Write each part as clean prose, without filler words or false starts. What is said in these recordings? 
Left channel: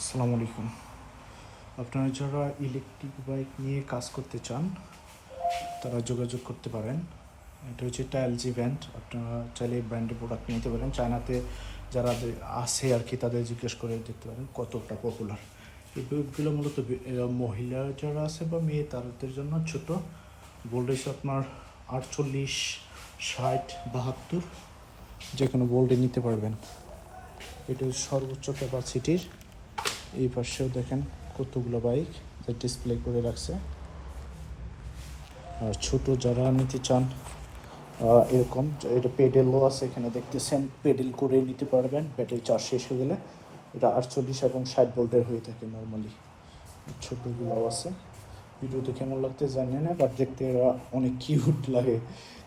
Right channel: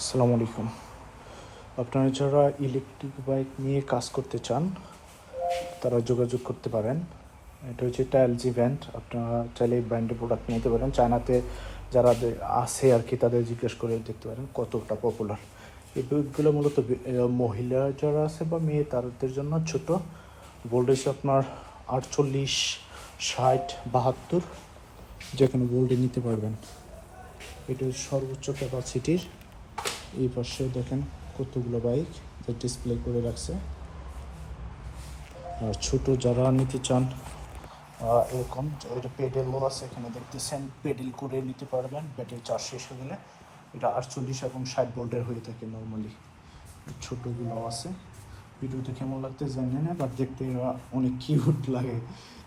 আসসালামু আলাইকুম। আপনারা যারা ইলেকট্রিক বাইক নিয়ে কাজ করতে চান তারা যোগাযোগ করতে পারেন। এটা হচ্ছে একটা এলজি ব্র্যান্ড। আপনারা চাইলে এই ব্র্যান্ডের প্রোডাক্ট নিতে পারেন। চায়নাতে যারা আছে আর কি তাদের জিজ্ঞেস করে দেখতে পারেন কতটা পপুলার। এই বাইকগুলো মূলত মহিলা যারা আছে বা মেয়ে তাদের জন্য ছোটো ভোল্টেজ আপনার 48, 60, 72 যে কোনো ভোল্টে নিতে পারবেন। এটা সর্বোচ্চ ক্যাপাসিটির। এই পাশেও দেখেন কতগুলো বাইক যা ডিসপ্লে করে রাখছে। আর ছোটো যারা নিতে চান এরকম এটা পেডেলও আছে, এখানে দেখতেছেন পেডেল করে নিতে পারবেন। ব্যাটারি চার্জ শেষ হয়ে গেলে এটা 48 এবং 60 ভোল্টের হয়ে থাকে নর্মালি। ছোটোগুলোও আছে। ভিডিওতে কেমন লাগতে জানি না, বাট দেখতে এরা অনেক কিউট লাগে।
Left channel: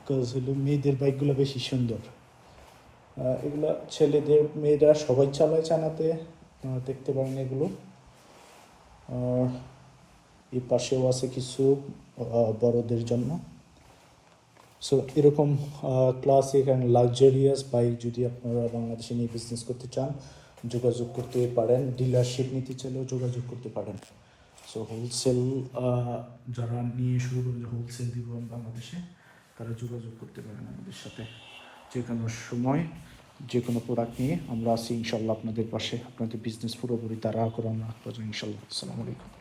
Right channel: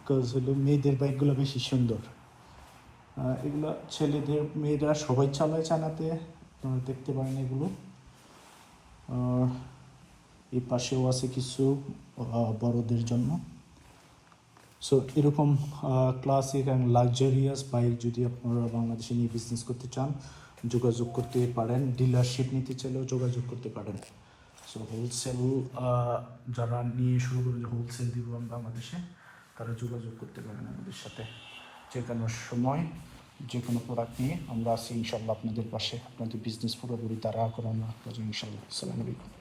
কজ হলো মেয়েদের বাইকগুলো বেশি সুন্দর। এগুলা ছেলেদের মেয়েরা সবাই চালায় চায়নাতে, আপনারা দেখতে পারেন এগুলো। আর এই পাশেও আছে কিছু বড়দের জন্য। সো এরকম ক্লাসিক অ্যান্ড লাক্সারিয়াস বাইক যদি আপনারা বাংলাদেশে নিয়ে বিজনেস করতে চান যোগাযোগ করতে পারেন। ডিলারশিপ নিতে চাইলেও যোগাযোগ করতে পারেন। সো হোলসেল যারা নিয়ে শুরু করে হোলসেল দিব বাংলাদেশে তারা যোগাযোগ করতে পারেন আমাদের সাথে। যে কোনো সময় যে কোনো প্রোডাক্ট নিয়ে আমরা আছি ইনশাল্লাহ আপনাদের পাশে। আপনাদের বিজনেস পুরোপুরি তারা করানো ইনশাল্লাহ। আসসালামু আলাইকুম।